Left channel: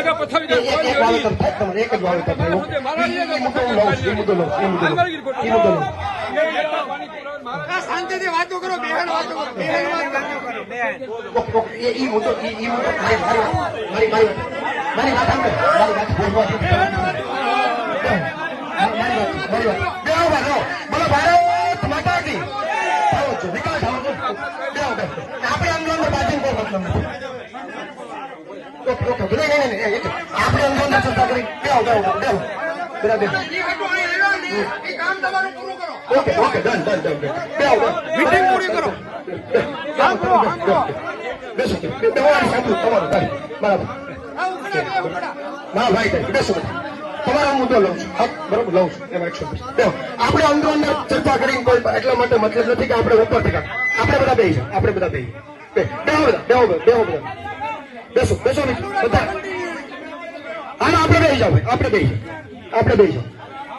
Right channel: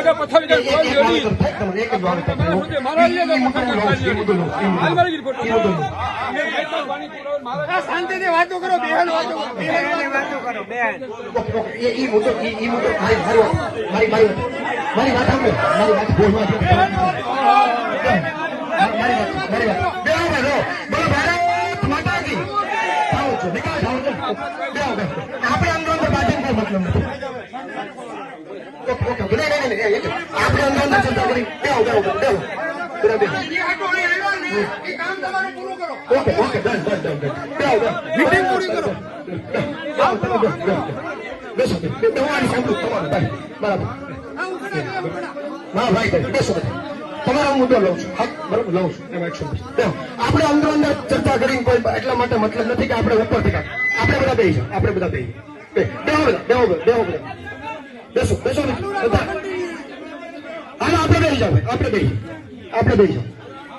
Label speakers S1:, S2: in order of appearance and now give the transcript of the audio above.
S1: का पत्थर શાંતિ થી વાતો કરો
S2: વાતો કરો બેન
S1: ઈ મોટો ઈ મોટો મારી મારી મારી વાત મારી વાત આપણે આમ પાર્ટી મતલબ નથી બેસો. ના ભાઈ તમારો મુદ્દો લઉં છું હા બરોબર લઉં છું એમાં એકસો. આપણે આંદોલન ચર્ચા કરી એટલા માટે મતલબ નથી કે આપણે ઉપર થયા આપણે બધા બે આપણે બધા. બે બેહો બધા બેહો બધા બધા બેસો બેસો ને બધા આપણે બેસી જાઓ આપણે બેસી. આપણે બેસી જાઓ